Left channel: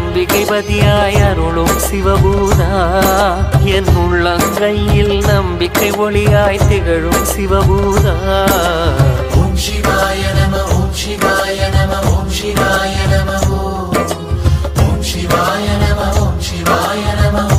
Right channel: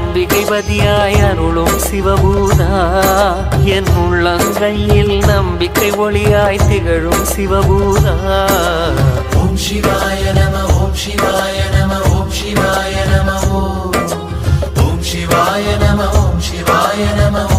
அம்பிகை பதியாய அருளும் சிவபூதா என் உள்ளங்கையில் நம்பிக்கை ஒளியாய் திகழும் சிவபூதா